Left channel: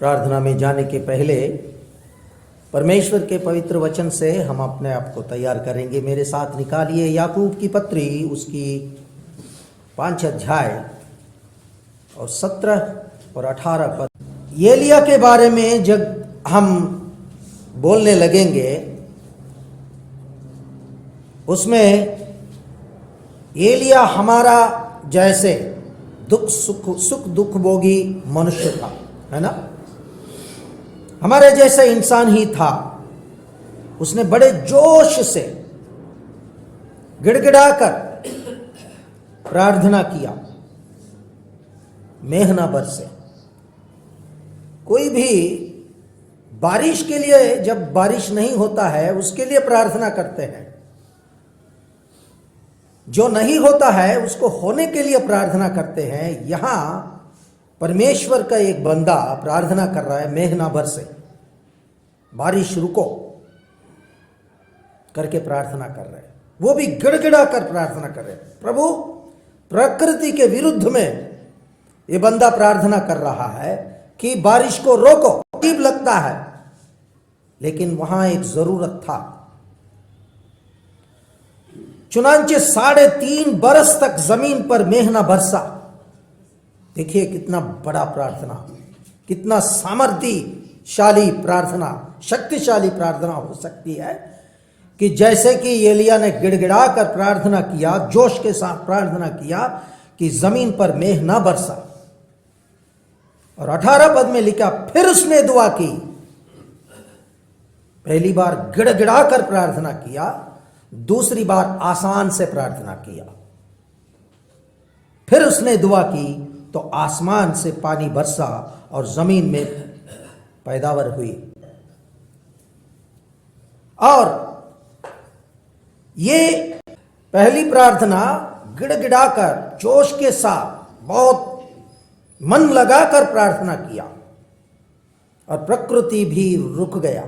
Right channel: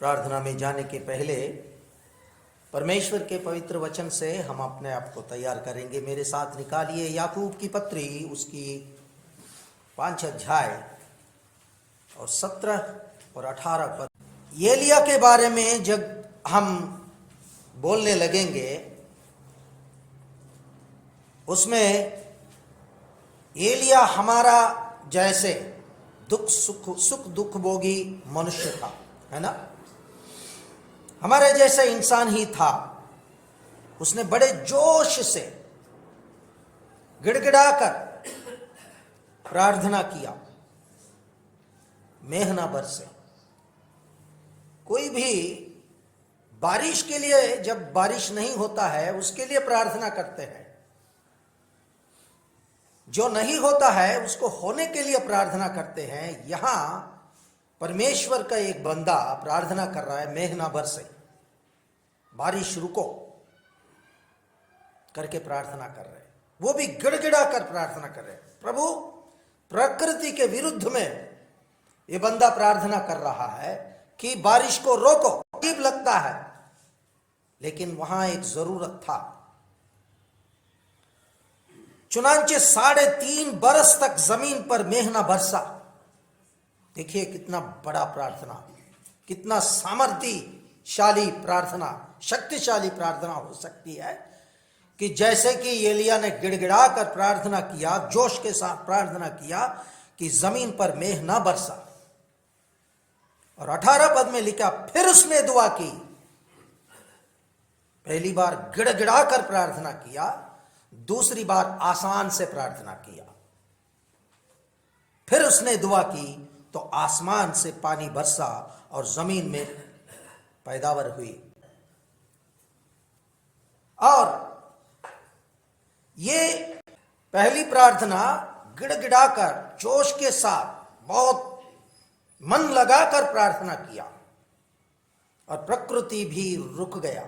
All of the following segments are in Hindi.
प्रार्थना में जाने के पहले परमेश्वर के पवित्र वचन से हम अपने आप को तैयार करेंगे। मेरे साथ निकालिए याकूब की पत्री, उसकी 5 अध्याय और 17 और 18 पद। एलिया के बारे में जब हम बोलने लगेंगे, उसमें एलिया हमारा जैसे सुख दुख भोगी मनुष्य था, है ना। हमारे जैसे इंसान ही था। उसने बड़े जोश से गिड़गिड़ाकर प्रार्थना किया, मेहना बरसे। कोई भी बारिश के लिए, जब बारिश नहीं होता है उसके लिए प्रार्थना करते हैं, जो नहीं होता है उसको होने के लिए प्रार्थना करते हैं। यहां परमेश्वर का एक बंदा प्रार्थना कर रहा है, मेहना भर से बारिश रुको करके प्रार्थना कर रहे हैं। वो भी गिड़गिड़ा कर प्रार्थना कर रहे हैं। प्रभु, प्रकृति के विरुद्ध में ये बंदा प्रार्थना कर रहा है कि बारिश को रोको। अजीब लगता है, लेकिन वहां एक जरूरत था। चुनांचे 3.5 बरस तक जमीन पर मेहना बरसा। देखिए कितना बड़ा प्रार्थना, कितना सामर्थ्यशाली प्रार्थना, शक्तिशाली प्रार्थना हो सकती है कि जैसे कि एलिया ने गिड़गिड़ा कर प्रार्थना किया, जोश के साथ प्रार्थना किया कि जमीन पर मेह ना बरसा। और 18 पद में लिखा, फिर उसने दुआ की। पहली बार गिड़गिड़ा कर प्रार्थना किया, दूसरी बार आसान से प्रार्थना किया। फिर उसने दुआ की तो आसमान से पानी बरसा और जमीन में पैदावार हुई। और ये पहली प्रार्थना गिड़गिड़ाकर, जोश के साथ, बहुत मन लगाकर प्रार्थना किया और प्रकृति भी रुक गया।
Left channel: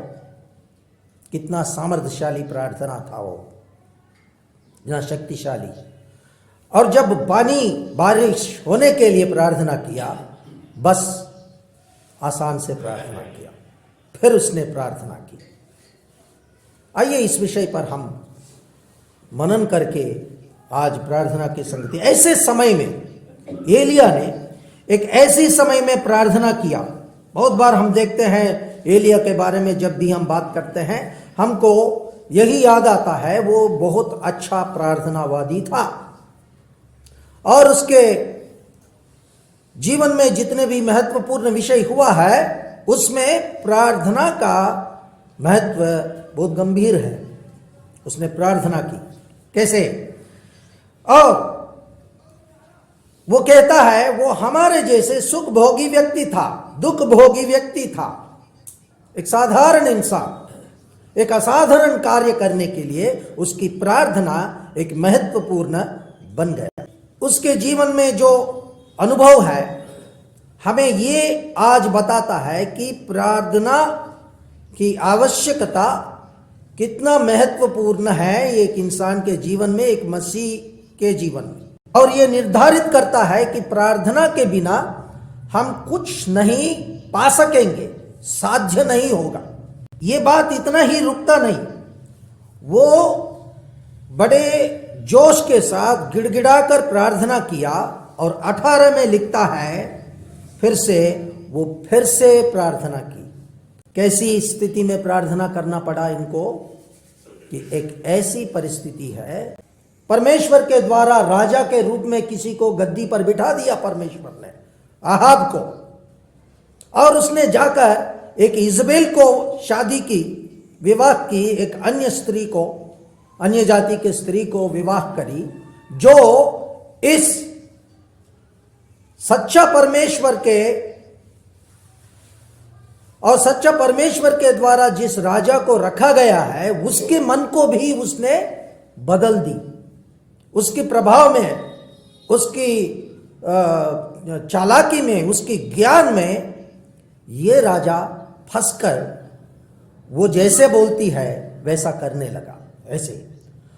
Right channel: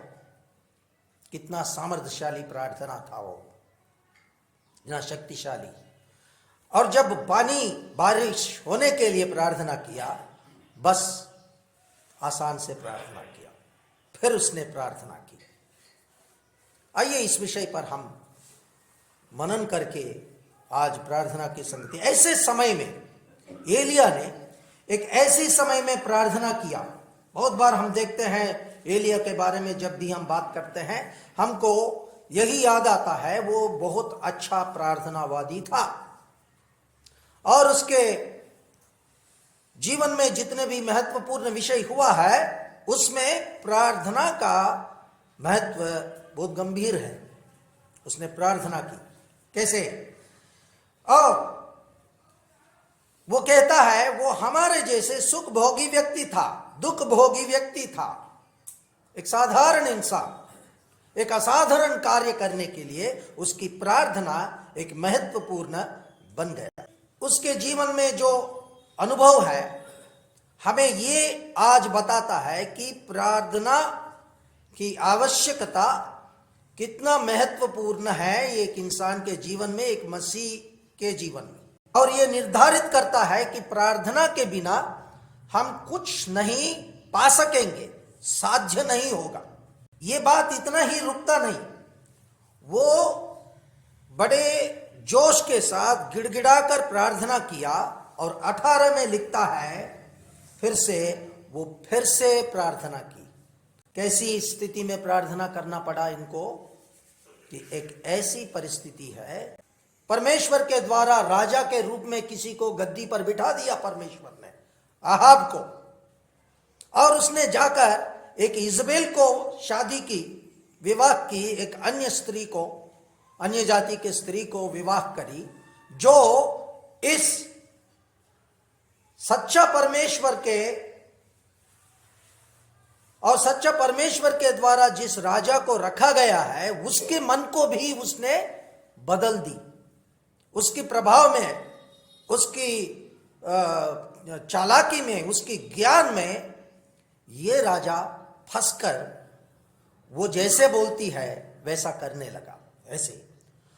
कितना सामर्थ्यशाली प्रार्थना था वो, इतना शक्तिशाली। और जब बारिश होने के लिए प्रार्थना किया, बस आसान से प्रार्थना किया। फिर उसने प्रार्थना की। आइए इस विषय पर हम मनन करके आज प्रार्थना की संगति। ऐसे समय में एलिया ने एक ऐसी समय में प्रार्थना किया। बहुत बार हम देखते हैं एलिया के बारे में, जब भी हम बात करते हैं हमको यही याद आता है, वो बहुत अच्छा प्रार्थनावादी था। और उसके जीवन में जितने भी महत्वपूर्ण विषय हुआ है, उसमें प्रार्थना का महत्व बहुत गंभीर है। उसने प्रार्थना की। कैसे? और वो कहता है वो हमारे जैसे सुख भोगी व्यक्ति था, दुख भोगी व्यक्ति था, एक साधारण इंसान। एक असाधारण कार्य करने के लिए उसकी प्रार्थना एक महत्वपूर्ण बन गया। उसके जीवन में जो अनुभव है हमें ये आज बताता है कि प्रार्थना की आवश्यकता कितना महत्वपूर्ण है एक इंसान के जीवन में, एक मसीह के जीवन में। और ये निर्धारित करता है कि प्रार्थना के बिना हम कुछ नहीं पा सकेंगे, साध्य नहीं होगा। ये बात इतना ही रुकता नहीं, वो बड़े जोश के साथ गिड़गिड़ाकर प्रार्थना किया। और 18 में लिखता है, फिर से प्रार्थना की। कैसी स्थिति में प्रार्थना करना पड़ा इनको? कि एक ऐसी परिस्थिति है, परमेश्वर के द्वारा राजा के रूप में किसी को गद्दी पर बिठा दिया परमेश्वर ने, आहाब को। और उसने जाकर एक इजबेल को शादी की, विवाह की, एक अन्य स्त्री को, अन्य जाति के स्त्री को विवाह करी, जो इस सच्चा परमेश्वर के और सच्चा परमेश्वर के द्वारा जिस राजा को रखा गया है, उसके मन को भी उसने बदल दी। उसके प्रभाव में, उसकी चालाकी में, उसके ज्ञान में ये राजा फंसकर वो जैसे बोलती है वैसा करने लगा, ऐसे।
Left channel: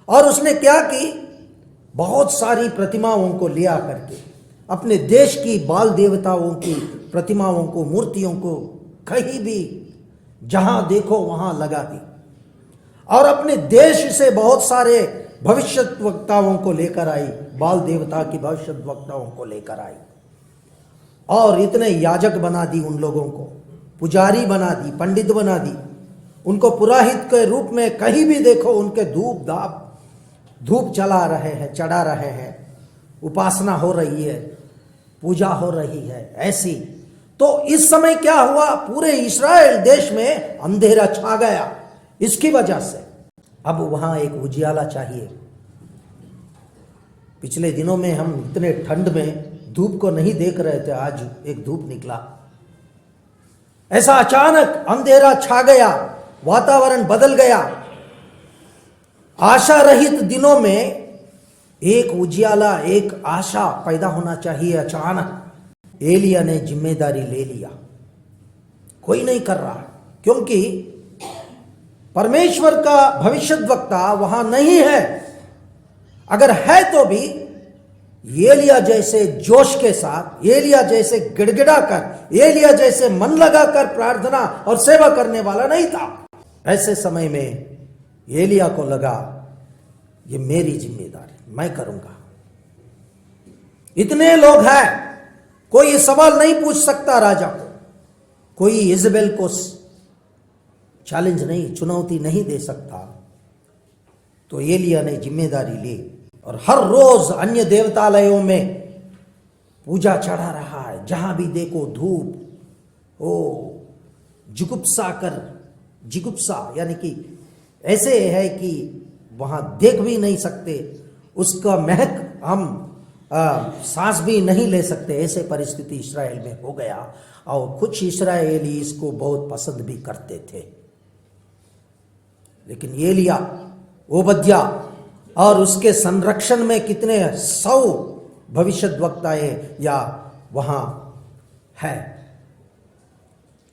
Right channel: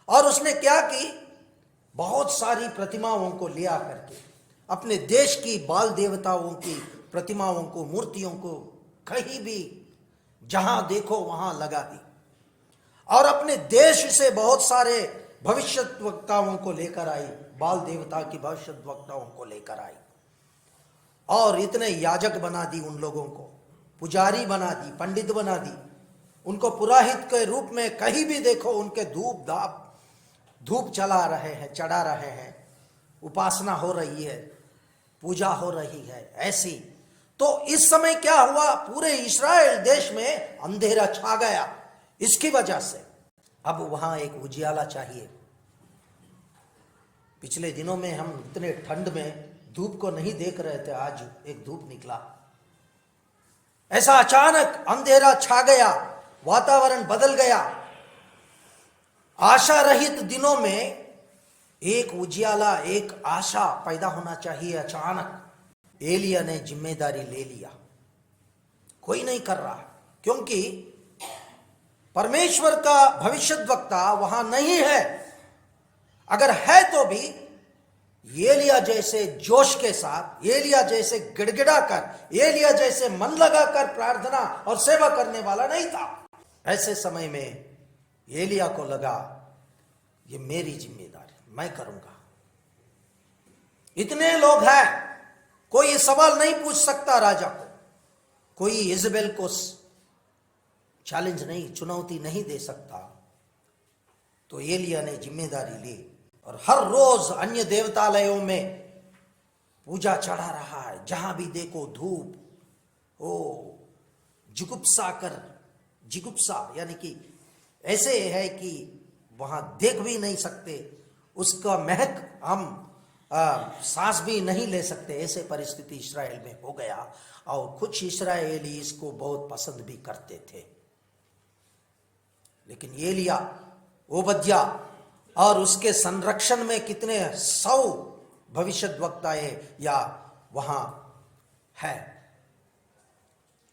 और उसने क्या की? बहुत सारी प्रतिमाओं को लिया करके, अपने देश की बाल देवताओं की प्रतिमाओं को, मूर्तियों को कहीं भी जहां देखो वहां लगा दी और अपने देश से बहुत सारे भविष्यद्वक्ताओं को लेकर आई, बाल देवता की भविष्यद्वक्ताओं को लेकर आई और इतने याजक बना दी उन लोगों को, पुजारी बना दी, पंडित बना दी, उनको पुरोहित के रूप में कहीं भी देखो उनके धूप चला रहे हैं, चढ़ा रहे हैं, उपासना हो रही है, पूजा हो रही है ऐसी। तो इस समय क्या हुआ, पूरे इस्राएल देश में अंधेरा छा गया इसकी वजह से। अब वहां एक उजियाला चाहिए। पिछले दिनों में हम इतने ठंड में धूप को नहीं देख रहे थे, आज एक धूप निकला, ऐसा अचानक अंधेरा छा गया, वातावरण बदल गया। आशा रहित दिनों में एक उजियाला, एक आशा पैदा होना चाहिए। अचानक एलिया ने जिम्मेदारी ले लिया, कोई नहीं कर रहा क्योंकि परमेश्वर का भविष्यद्वक्ता वहां नहीं है। अगर है तो भी एलिया जैसे जोश के साथ, एलिया जैसे गिड़गिड़ा कर, एलिया जैसे मन लगाकर प्रार्थना और सेवा करने वाला नहीं था। ऐसे समय में एलिया को लगा ये मेरी जिम्मेदारी, मैं करूंगा। इतने लोग हैं, कोई सवाल नहीं पूछ सकता राजा को, कोई इजबेल को चैलेंज नहीं, चुनौती नहीं दे सकता। तो एलिया ने जिम्मेदारी ली और हर रोज अन्य देवतालयों में पूजा चढ़ा रहा है, जहां भी देखो धूप। ओ जिगुप्सा यानी कि ऐसे है कि वहां देख भी नहीं सकते, उसका महक हम सांस भी नहीं ले सकते, ऐसे परिस्थिति इस्राएल में हो गया। और कुछ इस्राएली इसको बहुत पसंद भी करते थे, लेकिन एलिया, ओबद्या और उसके संरक्षण में कितने 100 भविष्यद्वक्ताएं या वहां है।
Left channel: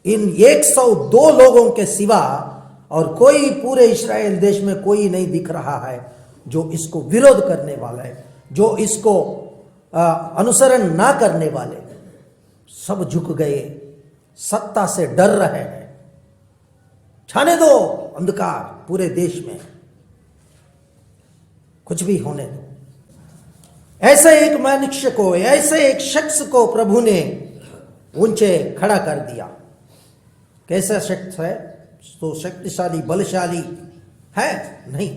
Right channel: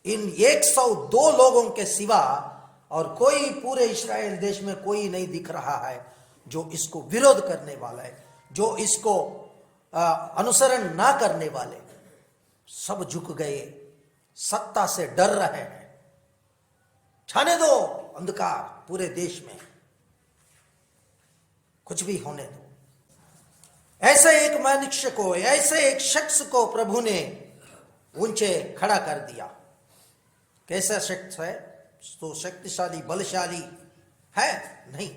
इन 102 लोगों के सिवा और कोई पूरे इस्राएल देश में कोई नहीं दिख रहा है जो इसको विरोध करने वाला है, जो इसको अनुसरण ना करने वाले। सब झुक गए, सत्ता से डर रहे हैं। छाने दो अंधकार पूरे देश में, कुछ भी होने दो। ऐसे एक मनुष्य को, ऐसे एक शख्स को प्रभु ने ऊंचे खड़ा कर दिया। कैसा शख्स है? तो शक्तिशाली, बलशाली है नहीं,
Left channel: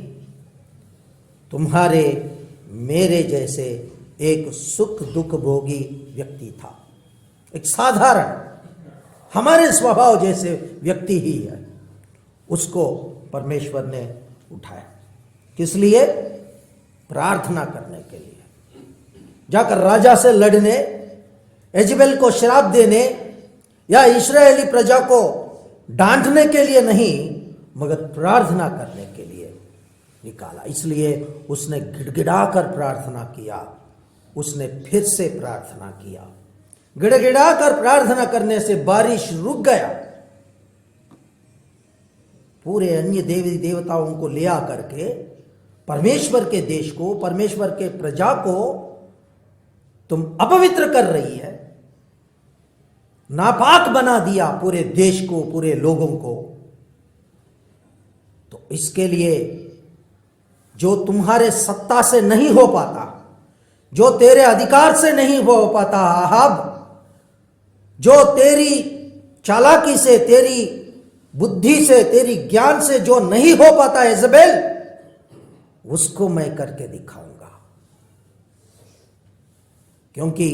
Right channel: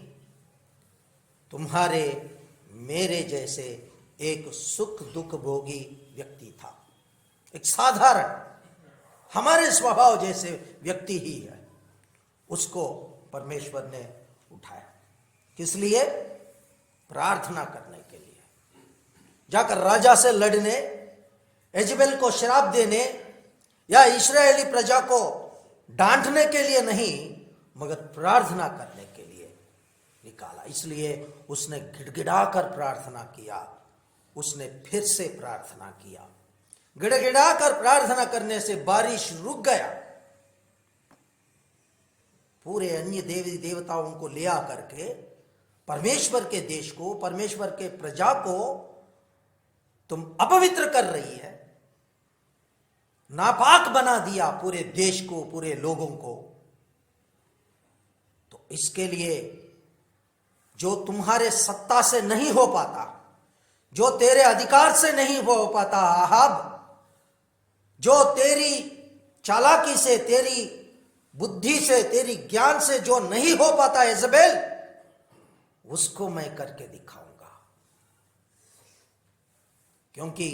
तुम्हारे मेरे जैसे एक सुख दुख भोगी व्यक्ति था, एक साधारण हमारे स्वभाव जैसे व्यक्ति ही है। उसको परमेश्वर ने उठाया, किस लिए? प्रार्थना करने के लिए। जाकर राजा से लड़ने, इजबेल को श्राप देने या इस्राएली प्रजा को डांटने के लिए नहीं, मगर प्रार्थना करने के लिए निकाला। इसलिए उसने गिड़गिड़ाकर प्रार्थना किया, उसने फिर से प्रार्थना किया। गिड़गिड़ाकर प्रार्थना करने से बारिश रुक गया। पूरे अन्य देवी देवताओं को ले आकर के परमेश्वर के देश को, परमेश्वर के प्रजा को तुम अपवित्र कर रही है, नापाक बना दिया पूरे देश को, पूरे लोगों को। तो इसके लिए जो तुम्हारे सत्ता से नहीं हो पाता, जो तेरे अधिकार से नहीं हो पाता आहाब, जो तेरी चालाकी से, तेरी बुद्धि से, तेरी ज्ञान से जो नहीं हो पाता इजबेल, उसको मैं करके दिखाऊंगा। क्योंकि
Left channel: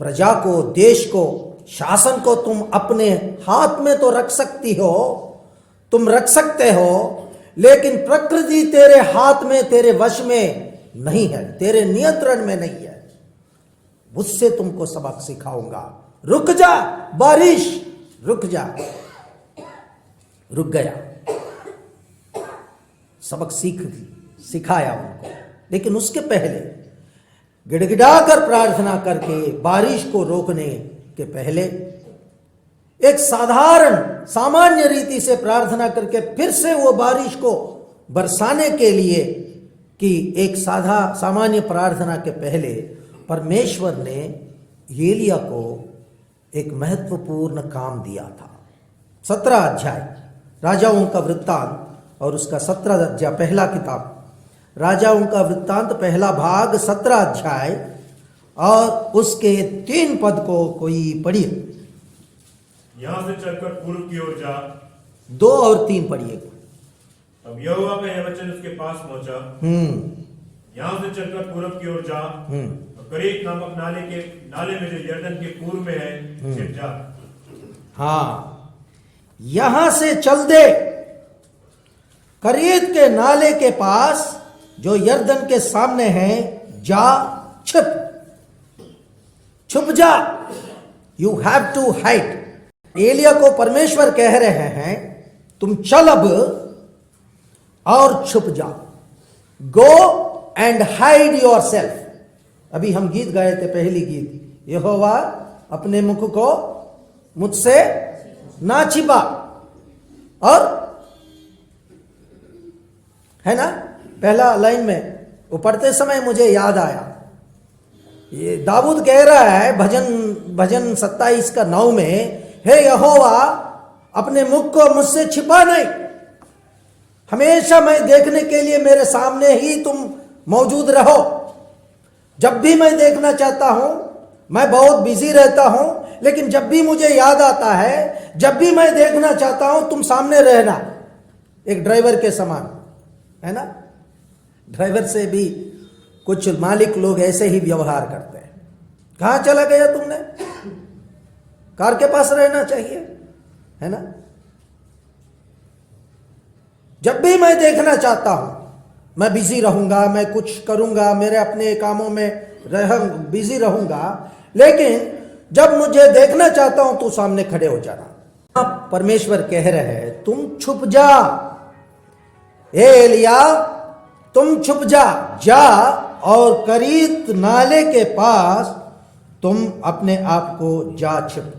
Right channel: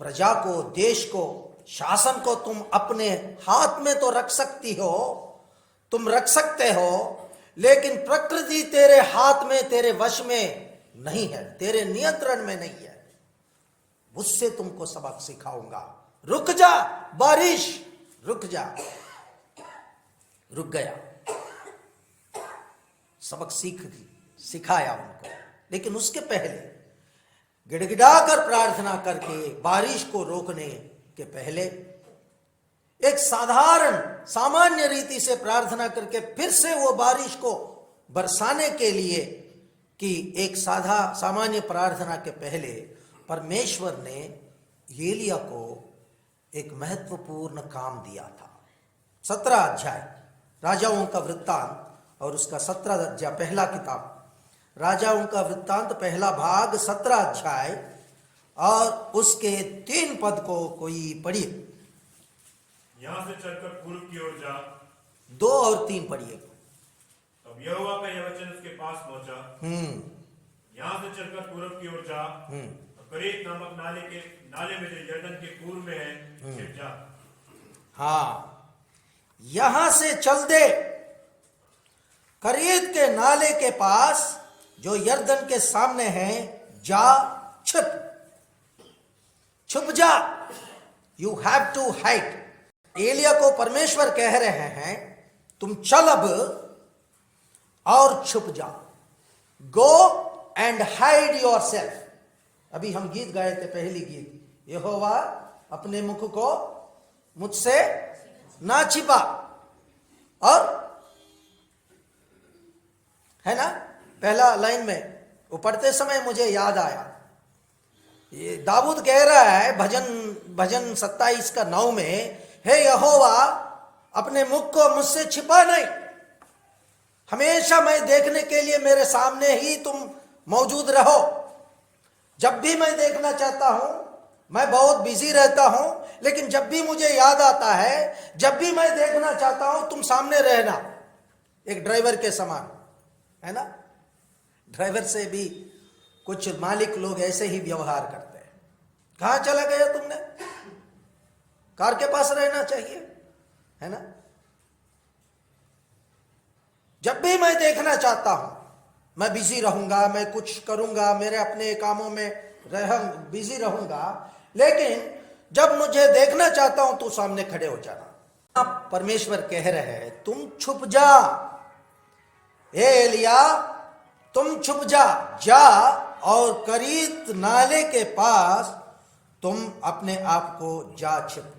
प्रजा को, देश को, शासन को तुम अपने हाथ में तो रख सकती हो, तुम रख सकते हो, लेकिन प्रकृति तेरे हाथ में, तेरे वश में नहीं है, तेरे नियंत्रण में नहीं है। उससे तुमको सबक सिखाऊंगा। रुक जा बारिश, रुक जा। रुक गया, सबक सिखाया उनको। लेकिन उसके पहले गिड़गिड़ाकर प्रार्थना करके बारिश को रोकने के पहले एक साधारण, सामान्य रीति से प्रार्थना करके फिर से वो बारिश को बरसाने के लिए कि एक सामान्य प्रार्थना के पहले परमेश्वर ने एलिया को एक महत्वपूर्ण काम दिया था। 17 अध्याय राजाओं का वृत्तांत और उसका 17 अध्याय, पहला किताब राजाओं का वृत्तांत पहला भाग 17 अध्याय और उसके 3 पद को कोई पढ़िए। यहां से चलकर पूर्व की ओर जा। 2 और 3 पढ़िए। अब यहोवा का यह वचन उसके पास पहुंचा, यहां से चलकर पूर्व की ओर जा, करीत नामक नाले में जो यरदन के पूर्व में है छिप जा। हाँ, यहां से चल दे, करीत के नाले के पास जो यरदन के सामने है, जा, छुप जा। You have to hide. एलिया को परमेश्वर कह रहे हैं, तुम चल अब और छुप जा। Go and hide your self. अभी हम गीत गाए थे, पहली गीत, यहोवा अपने मुख को मुझसे ना छिपा। और है ना, पहला लाइन में वो पढ़ते समय मुझे याद आया, ये दाऊद कह रहा है भजन 27 का 9 में, हे यहोवा अपने मुख को मुझसे छिपा नहीं, हमेशा मैं देखने के लिए मेरे सामने ही तुम मौजूद रहो। जब भी मैं देखना चाहता हूं, मैं बहुत बिजी रहता हूं, लेकिन जब भी मुझे याद आता है, जब भी मैं देखना चाहता हूं, तुम सामने रहना। एक ड्राइवर के समान, है ना। ड्राइवर से भी कुछ मालिक लोग ऐसे ही व्यवहार करते हैं। कहां चला गया तुमने? कार के पास रहना चाहिए, है ना। जब भी मैं देखना चाहता हूं, मैं बिजी रहूंगा, मैं कुछ करूंगा, मेरे अपने कामों में बिजी रहूंगा, लेकिन जब मुझे देखना चाहता हूं तो सामने खड़े हो जाना। परमेश्वर कह रहे हैं, तुम छुप जा, एलिया तुम छुप जा और करीत नाले के पास तुम अपने आप को जा छिप।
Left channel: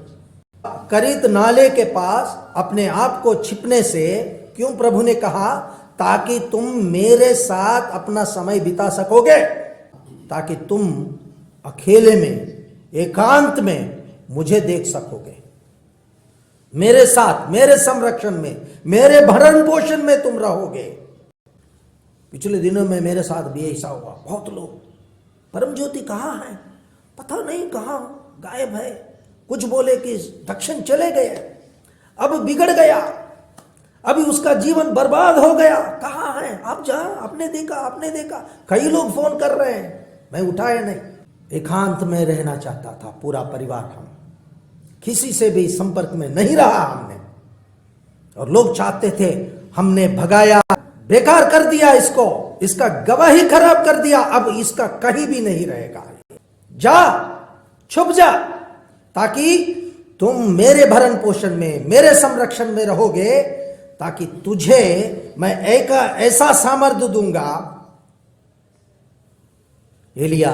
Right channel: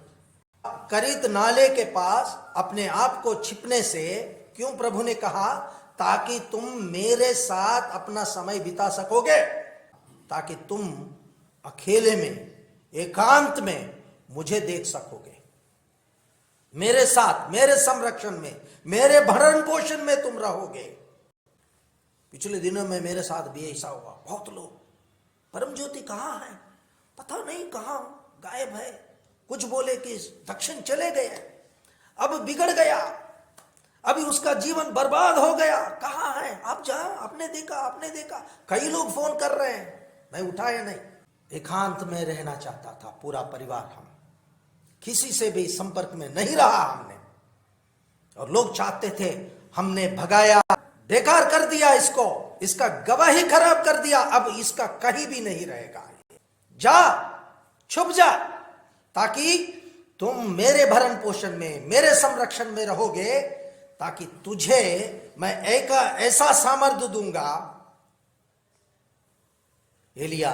करीत नाले के पास अपने आप को छिपने से क्यों प्रभु ने कहा? ताकि तुम मेरे साथ अपना समय बिता सकोगे, ताकि तुम अकेले में, एकांत में मुझे देख सकोगे। मेरे साथ, मेरे संरक्षण में, मेरे भरण पोषण में तुम रहोगे। पिछले दिनों में मेरे साथ भी ऐसा हुआ। बहुत लोग, परम ज्योति कहाँ है, पता नहीं कहाँ गायब है। कुछ बोले कि दक्षिण चले गए, अब बिगड़ गया, अभी उसका जीवन बर्बाद हो गया, कहाँ है आप? जा, आपने देखा। कई लोग फोन कर रहे हैं, मैं उठाया नहीं। एकांत में रहना चाहता था पूरा परिवार, हम किसी से भी संपर्क में नहीं रहा हमने। और लोग चाहते थे, हमने भगाया, बेकार कर दिया इसको, इसका गवाही खराब कर दिया, अब इसका कहीं भी नहीं रहेगा। जा, छुप जा, ताकि तुम मेरे भरण पोषण में, मेरे संरक्षण में रहोगे, ताकि तुझे मैं एक ऐसा सामर्थ्य दूंगा एलिया,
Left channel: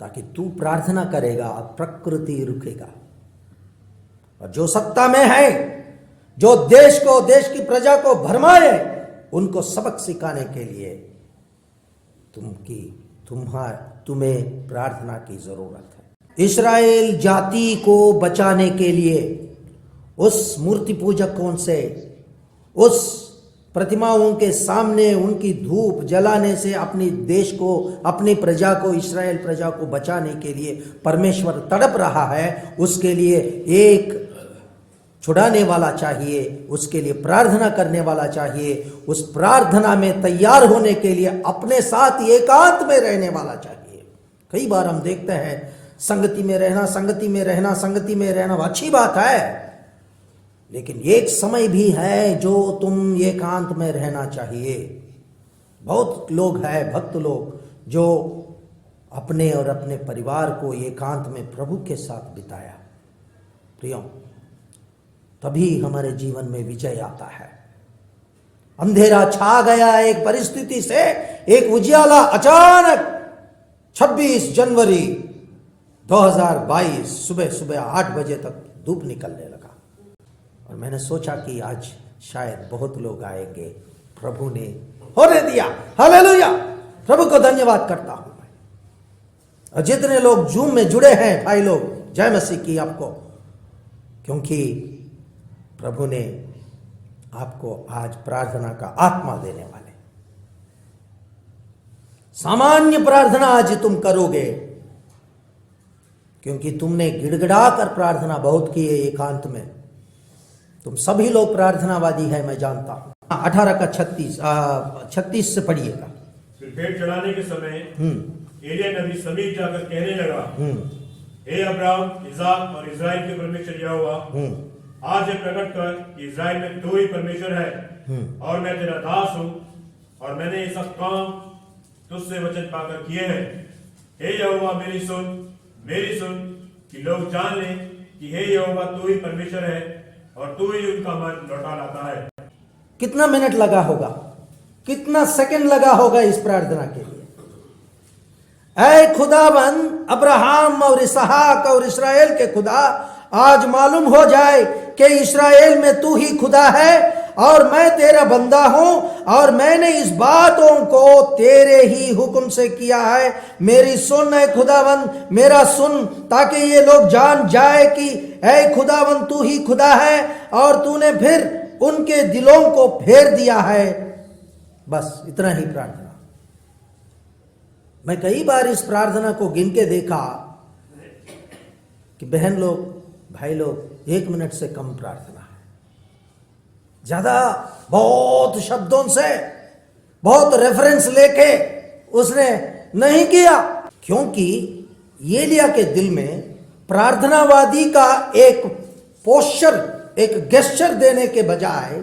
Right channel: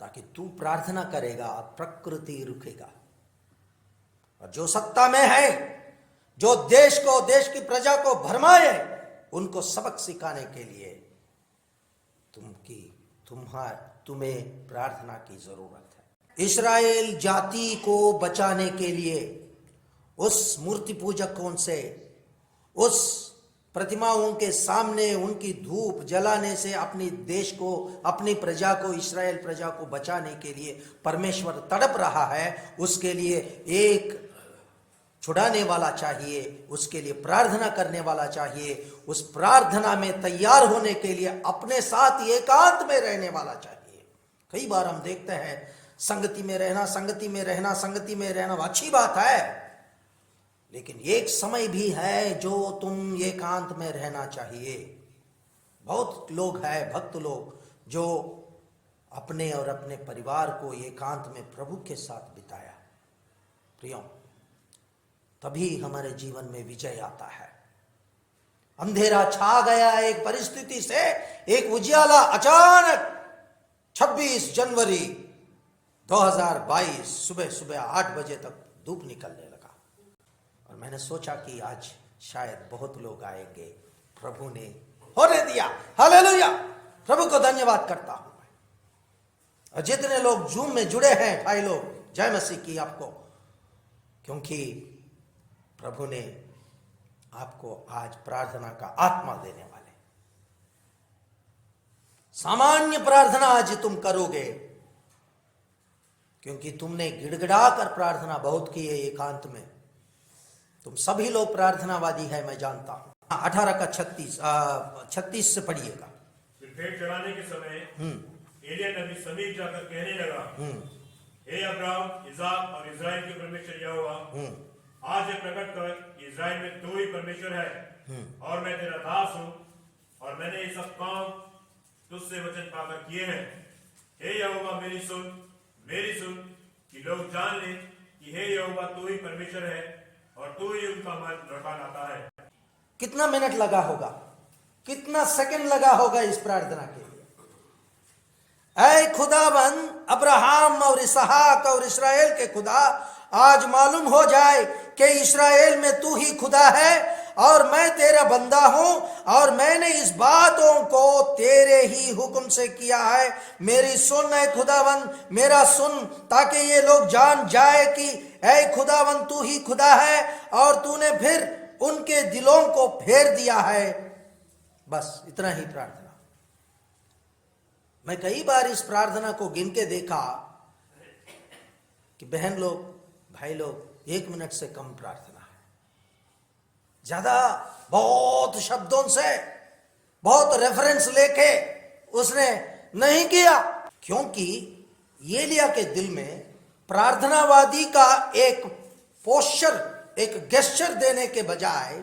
ताकि तू प्रार्थना करेगा, प्रकृति रुकेगा। और जो सत्ता में है, जो देश की प्रजा को भरमाए, उनको सबक सिखाने के लिए तुम्हें प्रार्थना की जरूरत है। इस्राएल जाति को बचाने के लिए उस मूर्ति पूजकों से, उस प्रतिमाओं के सामने उनकी धूप जलाने से अपने देश को, अपनी प्रजा को, इस्राएल प्रजा को बचाने के लिए परमेश्वर तड़प रहा है। उसके लिए एक छुड़ाने वाला चाहिए, उसके लिए प्रार्थना करने वाला चाहिए, उस प्रार्थना में तैयार होने के लिए अपने साथ एकांत में रहने वाला चाहिए। कई बार हम देखते हैं, संगति में रहना अच्छी बात है, लेकिन एक समय भी है जो तुम एकांत में रहना चाहिए। बहुत लोग हैं, भक्त लोग, जो अपने और अपने परिवार को एकांत में प्रभु के साथ बिताया। प्रियो, तभी हमारे जीवन में विजय आता है। अंधेरा छा गया एक परिस्थिति से, एक उजियाला अचानक 26 जनवरी 2022 सुबह 8 बजे तक धूप निकलने लगा। और मैंने सोचा कि आज शायद बहुत लोग आएंगे। प्रभु ने होने दिया। हालेलुया, प्रभु को धन्यवाद करता हूं। और जितने लोग जूम में जुड़े हैं भाई लोग, जय मसीह की आपको, क्योंकि प्रभु ने आपको आज प्रार्थना का आत्मा देने वाले। सामान्य प्रार्थना आज तुम करोगे, क्योंकि तुमने गिड़गिड़ा कर प्रार्थना बहुत की है एकांत में। तुम सभी लोग प्रार्थनावादी है, मैं जानता हूं। 18 का 36 से पढ़िएगा। फिर भेंट चढ़ाने के समय एलिय्याह नबी समीप जाकर कहने लगा, हे अब्राहम, इसाक और इस्राएल के परमेश्वर यहोवा, आज यह प्रकट कर कि इस्राएल में तू ही परमेश्वर है और मैं तेरा दास हूं और मैंने ये सब काम तुझसे वचन पाकर किए हैं। हे यहोवा, मेरी सुन कि लोग जान लें कि हे यहोवा तू ही परमेश्वर है और तू ही उनका मन लौटा लाता है। कितना मिनट लगा होगा, कितना सेकंड लगा होगा इस प्रार्थना के लिए। ऐ खुदाबंद अब्राहम और इसहाक और इस्राएल के खुदा, आज मालूम हो जाए कि इस्राएल में तू ही खुदा है और मैं तेरा बंदा हूं और मैंने इस बातों को तेरे ही हुक्म से किया है। मेरी सुन ऐ खुदाबंद, मेरा सुन, ताकि ये लोग जान जाए कि ऐ खुदाबंद तू ही खुदा है और तूने फिर उनके दिलों को फेर दिया है। बस इतना ही प्रार्थना। मैं कई बार इस प्रार्थना को गिन के देखा कि बहन लोग, भाई लोग, 1 मिनट से कम प्रार्थना है। ज्यादा बहुत शब्दों से, बहुत रेफरेंस लेके उसने नहीं किया, क्योंकि एलिय्याह के दिल में प्रार्थनावादी का एक पोस्चर, एक गेस्चर देने के बजाय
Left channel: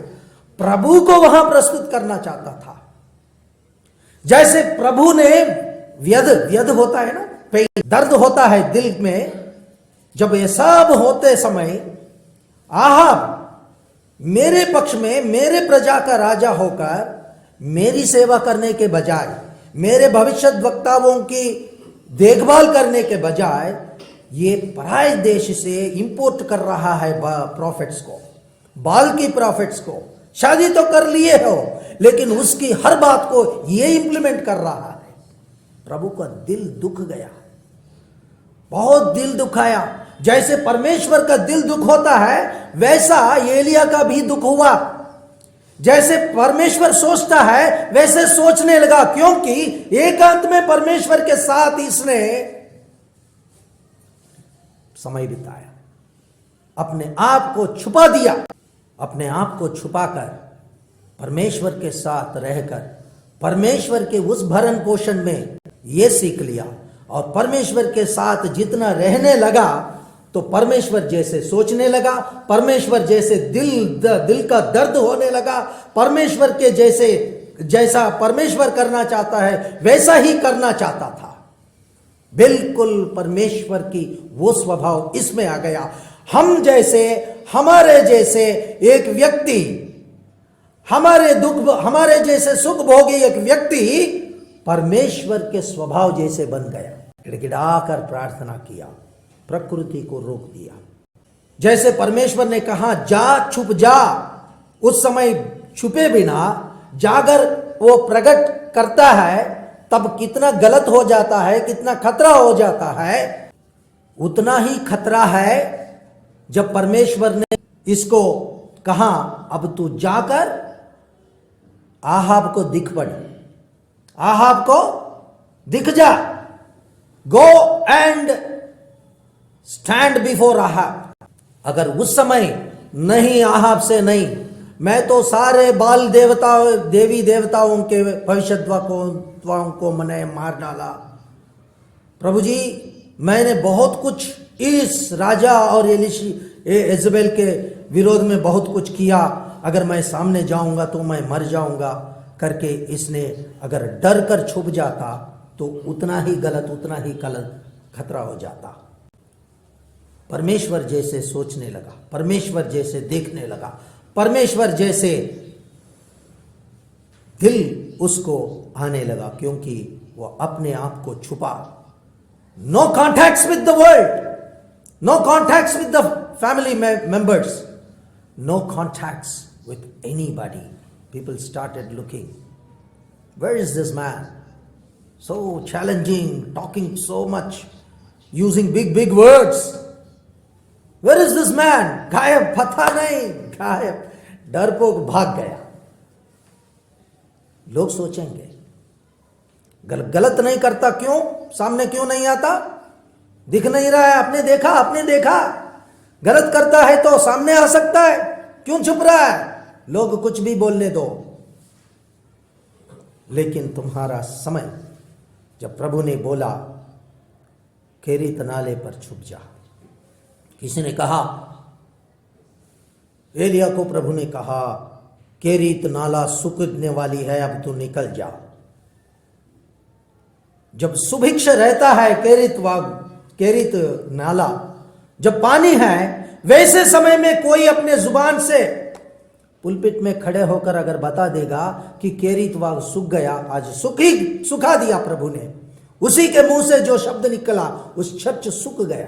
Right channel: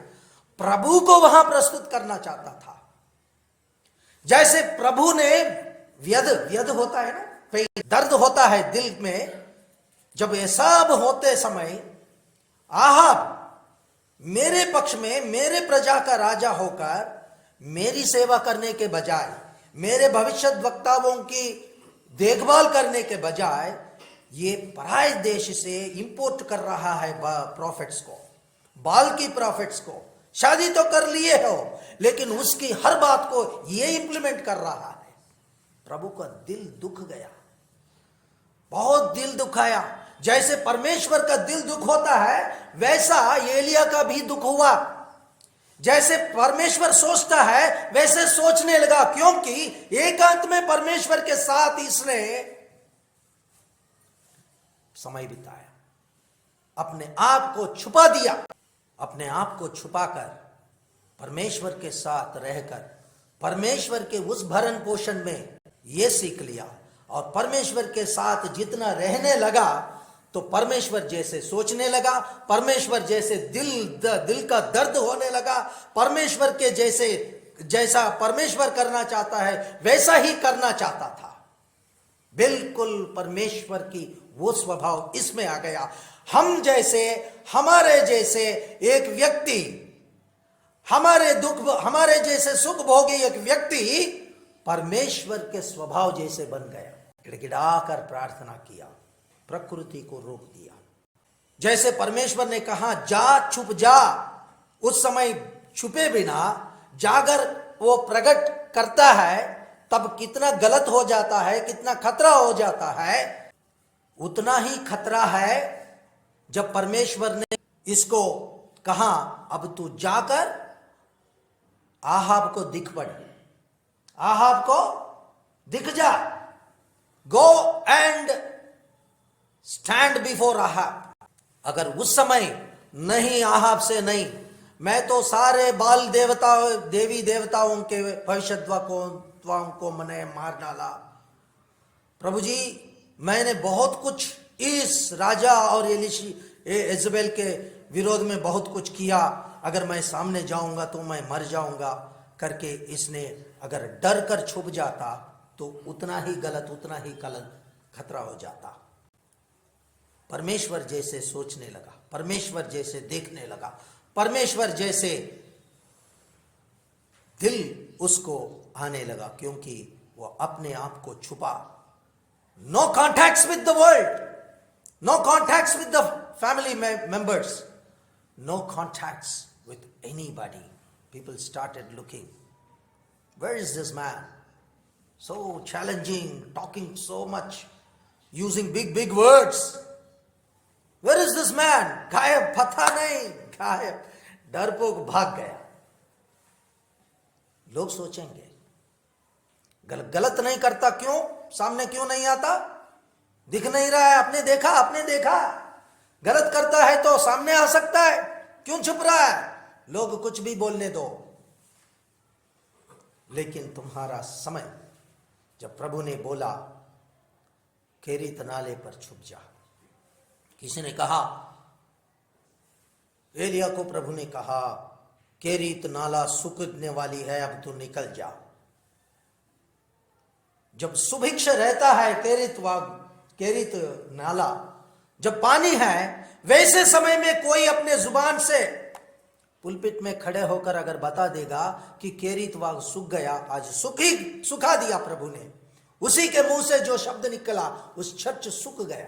प्रभु को वहां प्रस्तुत करना चाहता था। जैसे प्रभु ने व्यध होता है ना, दर्द होता है दिल में। जब ये सब होते समय आहाब मेरे पक्ष में, मेरे प्रजा का राजा होकर मेरी सेवा करने के बजाय, मेरे भविष्यद्वक्ताओं की देखभाल करने के बजाय ये पराये देश से इंपोर्ट कर रहा है प्रॉफिट्स को, बाल की प्रॉफिट्स को। शादी तो कर लिए हो, लेकिन उसकी हर बात को ये इंप्लीमेंट कर रहा है। प्रभु का दिल दुख गया, बहुत दिल दुखाया। जैसे परमेश्वर का दिल दुख होता है, वैसा एलिय्याह का भी दुख हुआ। जैसे परमेश्वर सोचता है वैसे सोचने लगा, क्योंकि एकांत में परमेश्वर के साथ इसने समय बिताया, अपने आप को छुपा दिया। अपने आप को छुपाकर परमेश्वर के साथ रहकर परमेश्वर के उस भरण पोषण में ये सीख लिया, और परमेश्वर के साथ जितना रहने लगा तो परमेश्वर जैसे सोचने लगा, परमेश्वर जैसे दिल का दर्द होने लगा, परमेश्वर के जैसा परमेश्वर करना चाहता है वैसा ही करना चाहता था। बिल्कुल परमेश्वर की वो स्वभाव इसमें आ गया। हम जैसे, हमारे जैसे एक व्यक्ति, हमारे जैसे सुख भोगी एक व्यक्ति परमेश्वर के स्वभाव जैसे बन गया। गिड़गिड़ाकर प्रार्थना किया, प्रकृति को रोक दिया। जैसे परमेश्वर ने कहा जा, छुप जा, उस समय छुपे बिना जाकर वो प्रकट करता है, तब कितना गलत हो जाता है, कितना खतरा हो जाता है। उतना ही खतरा है जब परमेश्वर ने इसको कहा अब तू जाकर आहाब को दिख पड़, आहाब को दिख जा, go and stand before Ahab. अगर उस समय नहीं, आहाब से नहीं, मैं तो सारे बाल देवताओं, देवी देवताओं के भविष्यद्वक्ताओं को मैंने मार डाला। प्रभु जी, मैंने बहुत कुछ इस राजा और इजबेल के विरोध में बहुत कुछ किया, अगर मैं सामने जाऊंगा तो मैं मर जाऊंगा करके इसने अगर डर कर छुप जाता तो उतना ही गलत, उतना ही गलत खतरा हो जाता। परमेश्वर जैसे सोचने लगा, परमेश्वर जैसे देखने लगा, परमेश्वर जैसे दिल उसको आने लगा, क्योंकि वो अपने आप को छुपा। No contacts with the world, no contacts with the family members, no contacts with anybody. People started looking, where is this man? So challenging, talking so much, using big words. Where is this man? गायब, पता नहीं, गायब, डरपोक भाग गया। लोग सोचेंगे गलत नहीं करता, क्यों सामने क्यों नहीं आता? दिख नहीं रहा है, आपने देखा। गलत करता है तो सामने आ सकता है, क्यों छुप रहा है? लोग कुछ भी बोलने दो। लेकिन तुम्हारा समय, जब प्रभु ने बोला केरीत नाले पर छुप जा, किसी ने कहा, एलिया को प्रभु ने कहा केरीत नाला सूखने वाली है, अब तू निकल जा। जब सुभिक्ष रहता है केरीत नाला, जब पानी है, वैसे समय में कोई अपने जुबान से पुलपिट में खड़े होकर अगर बता देगा कि केरीत वाग सूख गया, आज सुखा दिया प्रभु ने, उसी के मुंह से जो शब्द निकला उस चर्च सूख गया।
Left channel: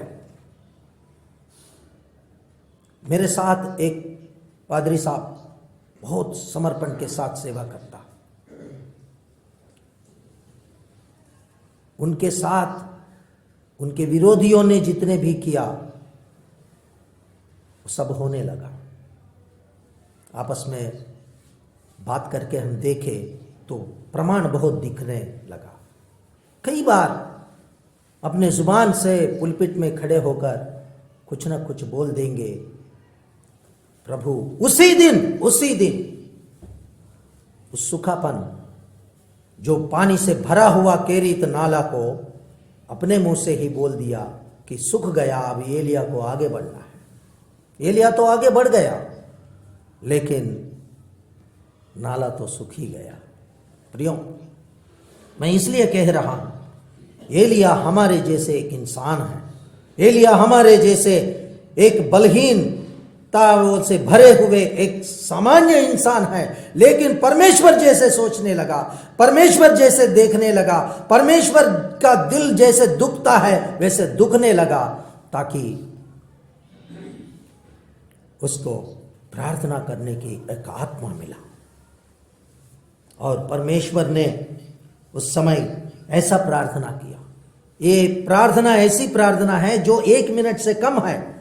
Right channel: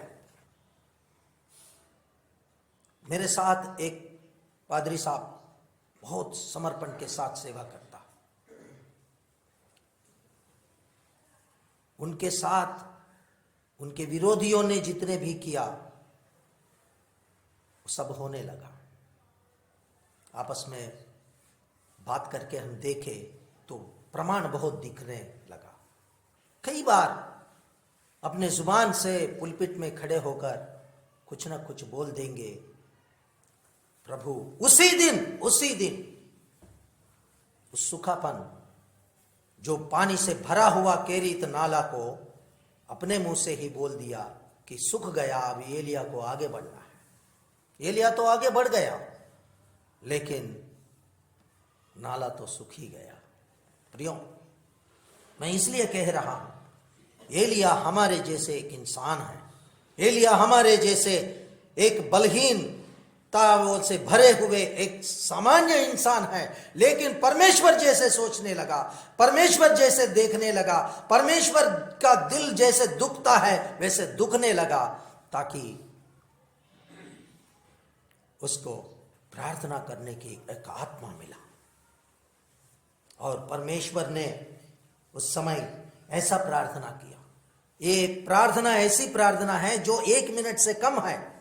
मेरे साथ एक पादरी साहब बहुत समर्पण के साथ सेवा करता, उनके साथ उनके विरोधियों ने जितने भी किया वो सब होने लगा। आपस में बात करके हम देखे तो प्रमाण बहुत दिखने लगा। कई बार अपने जुबान से पुलपिट में खड़े होकर कुछ ना कुछ बोल देंगे, प्रभु उसी दिन उस सूखापन, जो पानी से भरा हुआ केरीत नाला को अपने मुंह से ही बोल दिया कि सूख गया, अब एलिया को आगे बढ़ना है। एलिया तो आगे बढ़ गया, लेकिन नाला तो सूख ही गया। प्रियो, मैं इसलिए कह रहा हूं, एलिया हमारे जैसे एक इंसान है, एलिया हमारे जैसे एक बलहीनता से भरे हुए एक सामान्य इंसान है, लेकिन परमेश्वर जैसे सोचने लगा, परमेश्वर जैसे देखने लगा, परमेश्वर का दिल जैसे दुखता है वैसे दुखने लगा, ताकि उसको प्रार्थना करने की एक आत्मा मिला। और परमेश्वर ने उस समय ऐसा प्रार्थना किया। ये प्रार्थना ऐसी प्रार्थना है जो 1 मिनट से कम है।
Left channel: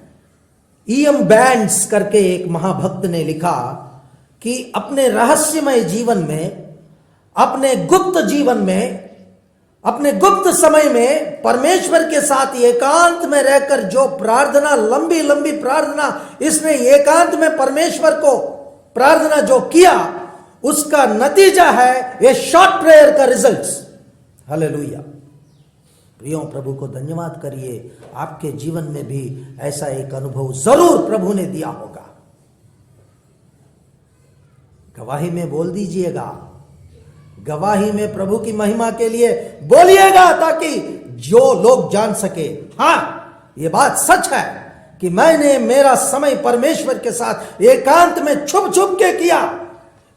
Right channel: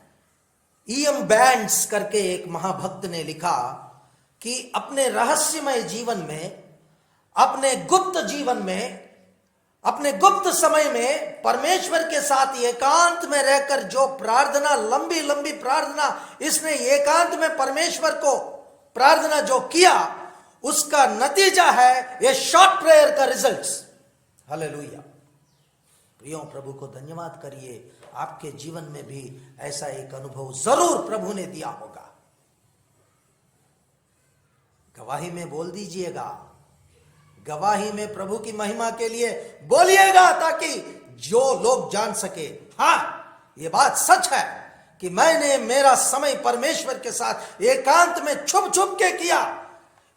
ईएम बैंड्स करके एक महाभक्त ने लिखा कि अपने रहस्यमय जीवन में, अपने गुप्त जीवन में, अपने गुप्त समय में परमेश्वर के साथ एकांत में रहकर जो प्रार्थना, लंबी लंबी प्रार्थना, इसने एकांत में परमेश्वर को प्रार्थना जो किया, उसका नतीजा है ये शॉर्ट प्रेयर का रिजल्ट्स। हालेलुया। प्रियो, प्रभु को धन्यवाद करिए, आपके जीवन में भी ऐसा एक अनुभव जरूर प्रभु ने दिया होगा। गवाही में बोल दीजिएगा, गवाही में प्रभु की महिमा के लिए बोलिएगा, ताकि जो लोग जान सके, हां ये बात सच है कि मैंने मेरा समय परमेश्वर के साथ एकांत में छुप छुप के किया।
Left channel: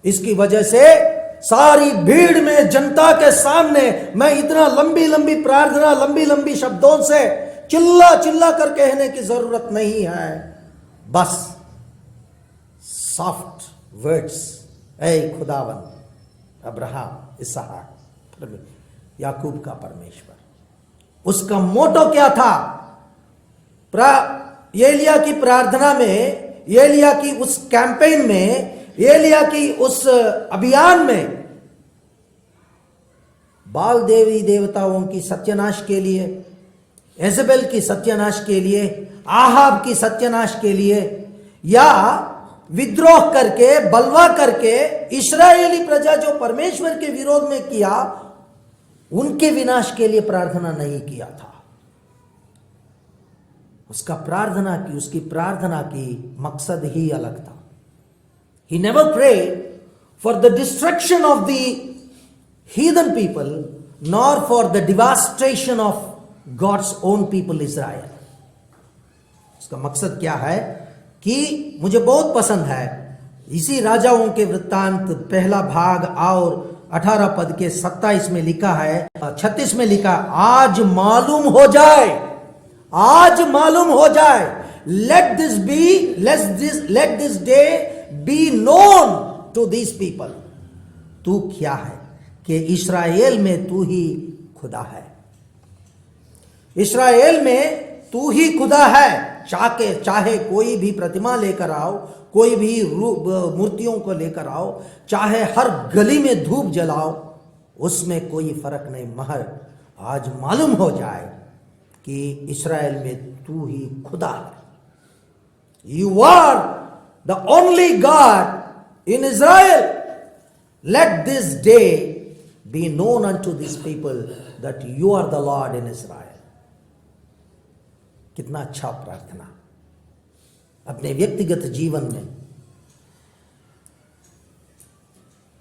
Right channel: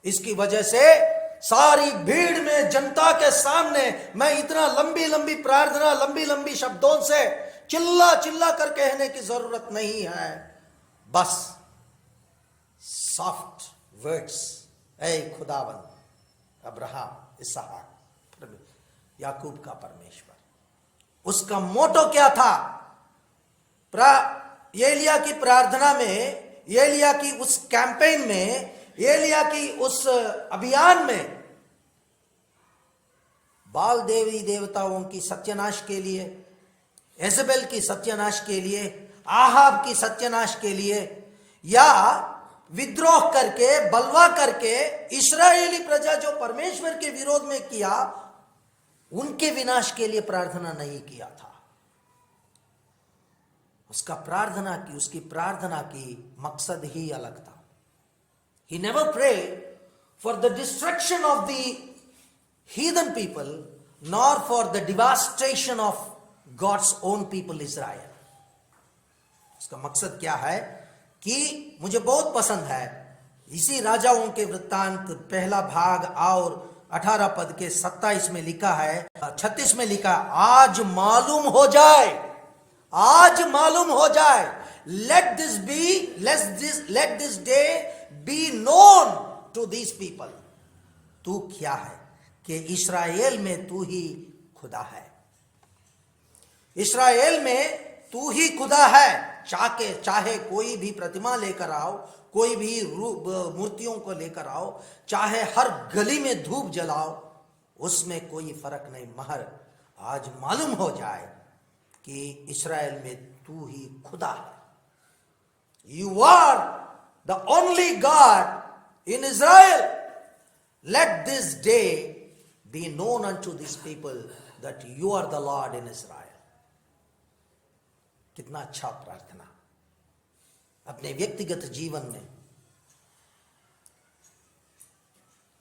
इसकी वजह से सारी भीड़ में, जनता के सामने मैं इतना लंबी लंबी प्रार्थना, लंबी लंबी शब्दों से चिल्ला चिल्ला कर कहने की जरूरत नहीं है। बस सॉफ्ट वर्ड्स, ऐ खुदावन, अब्राहम, इसहाक, याकूब का परमेश्वर। उसका मोटो क्या था? एलिया की प्रार्थना में, एलिया की उस कैंपेन में, एलिया की उस अभियान में बाल देवी देवताओं की सत्यानाश के लिए, एजेबेल की सत्यानाश के लिए, आहाब की सत्यानाश के लिए, या विद्रोह करके, बलवा करके इस्राएली प्रजा जो परमेश्वर के विरोध में किया, उनके विनाश के लिए प्रार्थना नहीं किया था। उसकी प्रार्थना की मकसद ही अलग था। He never prayed for the destruction of the heathen people, nor for the devastation of God's own people Israel. उसका मकसद क्या है कि मुझे बहुत पसंद है, इसी राजाओं के वृत्तांत पहला भाग और 18 पद के 27 में लिखा है, 36 में लिखा, आज मालूम हो जाए, आज मालूम हो जाए, let this day be known to these people. तू क्या है कि इस्राएल में तू ही खुदा है, इस्राएल में तू ही खुदा है। चाहे कोई भी प्रतिमा लेकर आओ, कोई भी मूर्तियों को लेकर आओ, चाहे हर गली में धूप जलाओ, उसमें कोई फर्क नहीं। मगर आज मालूम हो जाए कि इस्राएल में तू ही खुदा है। You are the only God in Israel. Let this day be known unto this people that you are the Lord in Israel. कितना अच्छा प्रार्थना। अपने व्यक्तिगत जीवन में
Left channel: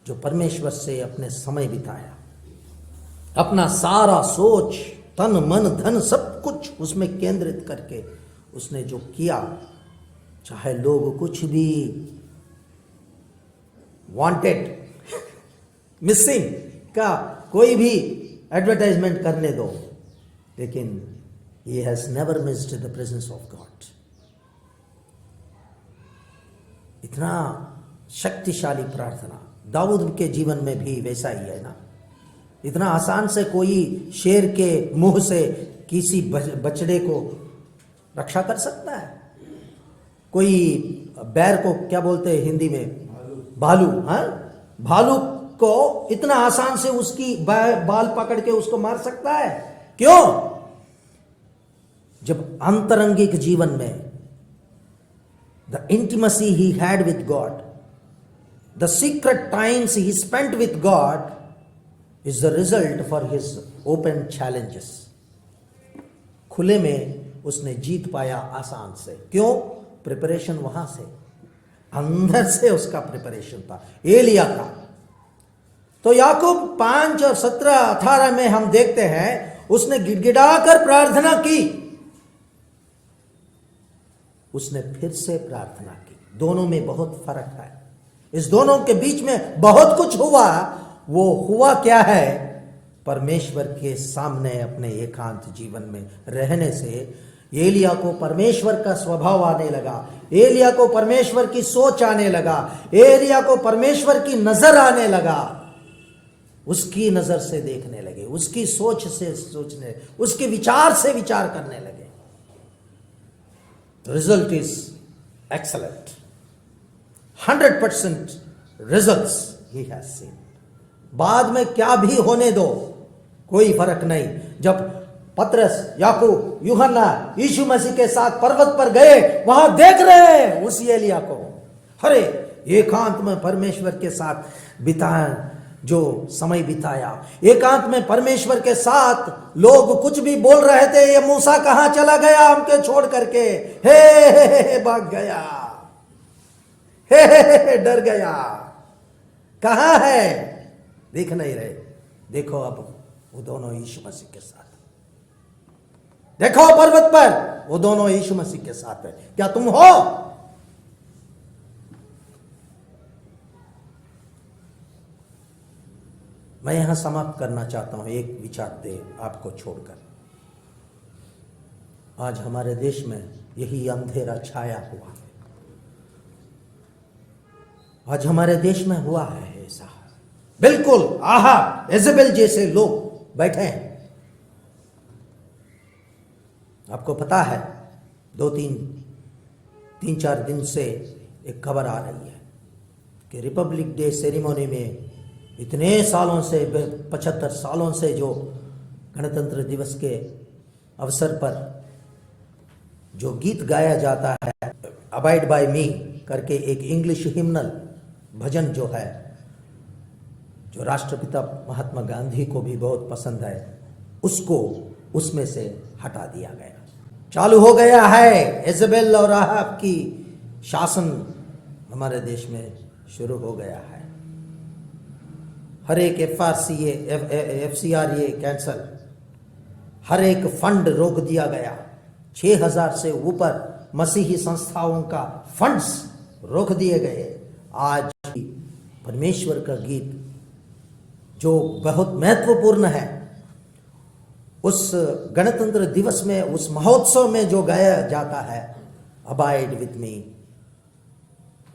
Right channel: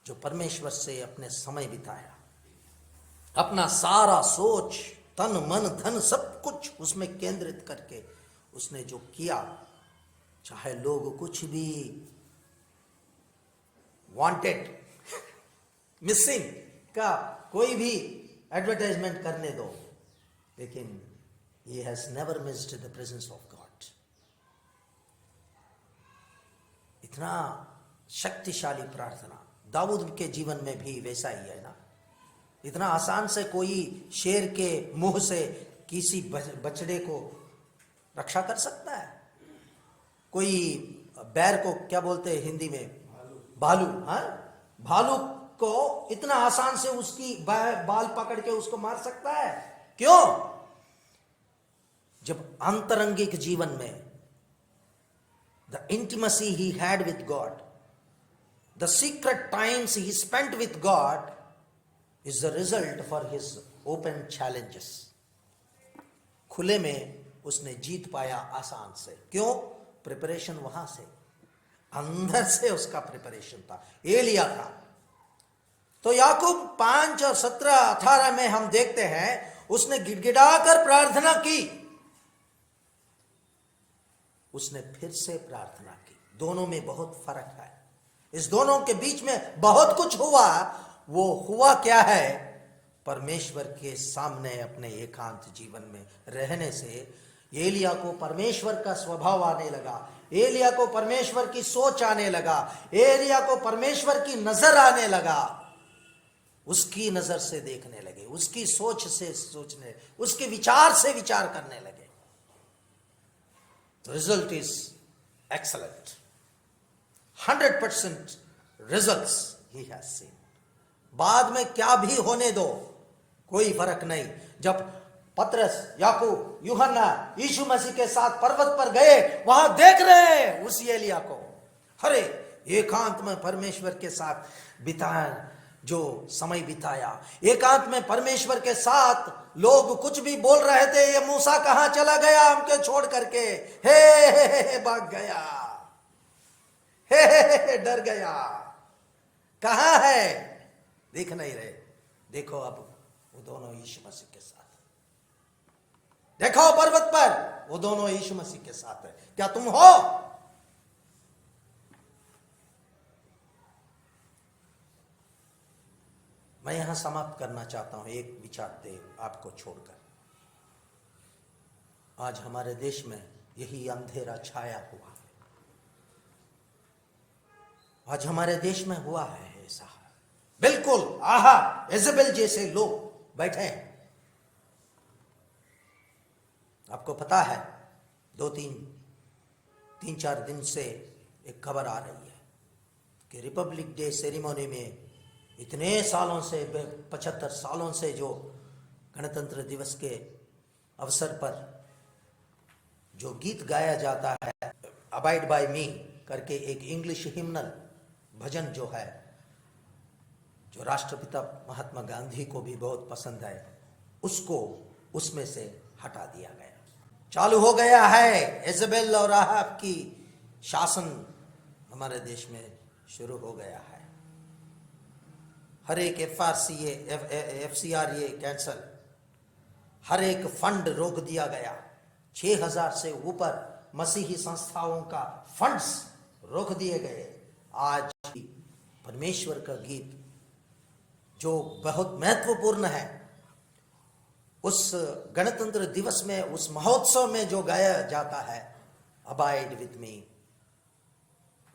जो परमेश्वर से अपने समय बिताया, अपना सारा सोच, तन मन धन सब कुछ उसमें केंद्रित करके उसने जो किया, चाहे लोग कुछ भी वांटेड मिसिंग का कोई भी एडवर्टाइजमेंट करने दो, लेकिन he has never missed the presence of God। इतना शक्तिशाली प्रार्थना दाऊद के जीवन में भी वैसा ही है ना। इतना आसान से कोई शेर के मुंह से किसी बछड़े को रक्षा कर सकता है? कोई बैर को क्या बोलते हैं हिंदी में? भालू। हाँ, भालू को इतना आसान से उसकी बाल पकड़ के उसको मार सकता है? क्यों? जब अंतरंगिक जीवन में the intimacy he had with God, the secret times he spent with God is the result for his open challenges। खुले में उसने जीत पाया आसान से। क्यों? प्रिपरेशन वहां से, अंदर से उसका प्रिपरेशन था, एलिया का। तो याकूब 5:17-18 में हम देखते हैं उसने गिड़गिड़ाकर प्रार्थना की, उसने फिर से प्रार्थना की। दोनों में बहुत फर्क है। इस दोनों के बीच में बहुत कुछ हुआ। वो हुआ क्या है? परमेश्वर के सामने अपने एकांत जीवन में रहने से एलिया को परमेश्वर का स्वभाव आने लगा, एलिया को परमेश्वर की सोच आने लगा, एलिया को परमेश्वर की नजर आने लगा। उसकी नजर से देखने लगे, उसकी सोच से सोचने, उसके विचार से विचार करने लगे। The result is excellent. 100% results he has seen। बाद में क्या भी होने दो, कोई फर्क नहीं। जब पतरस, याकूब, यूहन्ना यीशु मसीह के साथ पर्वत पर गए, वहां देख रहे हैं उस एलिया को, अरे एकांत में परमेश्वर के साथ बिताया, जो समय बिताया एकांत में परमेश्वर के साथ। लोग कुछ भी बोल रहे थे, ये मूसा कहां चला गया हमके छोड़ करके, हे भाग गया, हे डर गया, कहां है? देख नहीं रहे। देखो अब वो दोनों यीशु मसीह के साथ, देखो पर्वत पर वो दोनों यीशु मसीह के साथ है। क्या तुम हो? मैं यहां समाप्त करना चाहता हूं एक विचार दे आपको छोड़कर। आज हमारे देश में यही अंधेरा छाया हुआ है। आज हमारे देश में हुआ है ऐसा, बिल्कुल आहा इजेबेल जैसे लोग बैठे हैं। आपको पता है 2-3-4 दिन से एक खबर आ रही है कि रिपब्लिक डे सेरेमनी में इतने सालों से, 75 सालों से जो गणतंत्र दिवस के अवसर पर जो गीत गाया जाता है, अबाइड बाय मी करके एक इंग्लिश हिम्नल भजन जो है, जो राष्ट्रपिता महात्मा गांधी को भी बहुत पसंद है, उसको उसमें से हटा दिया गया। चालू हो गया है इजेबेल और राहाब की शासन हमारे देश में शुरू हो गया है। हर एक FCR ये कैंसल, हर एक फंड रोक दिया गया। 6000 से ऊपर मसीही संस्थाओं का फंड्स रोक दिए गए। आज परमेश्वर का गीत जो बहुत महत्वपूर्ण है, उस गणतंत्र दिवस में, उस महोत्सव में जो गाया जाता है, अबाइड विथ मी,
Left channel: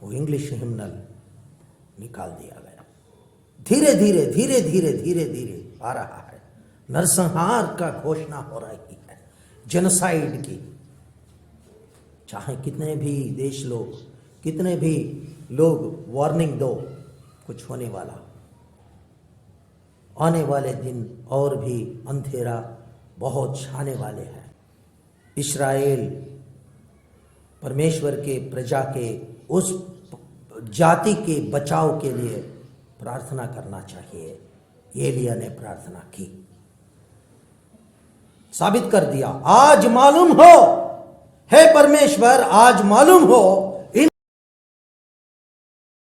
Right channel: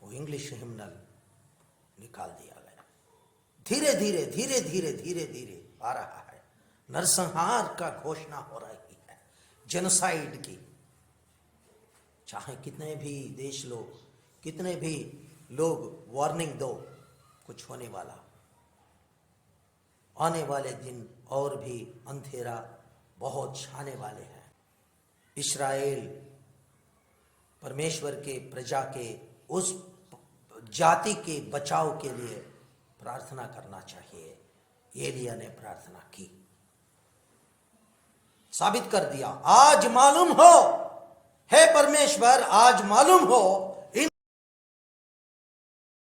वो इंग्लिश हिम्नल निकाल दिया गया। धीरे धीरे धीरे धीरे धीरे धीरे आ रहा है। नरसंहार का घोषणा हो रही है, जेनोसाइड की। चाहे कितने भी देश लोग, कितने भी लोग वार्निंग दो, कुछ होने वाला। आने वाले दिन और भी अंधेरा बहुत छाने वाले हैं। इस्राएल परमेश्वर के प्रजा के उस जाति के बचाव के लिए प्रार्थना करना चाहिए। एलिया ने प्रार्थना की, साबित कर दिया। आज मालूम हो, हे परमेश्वर, आज मालूम हो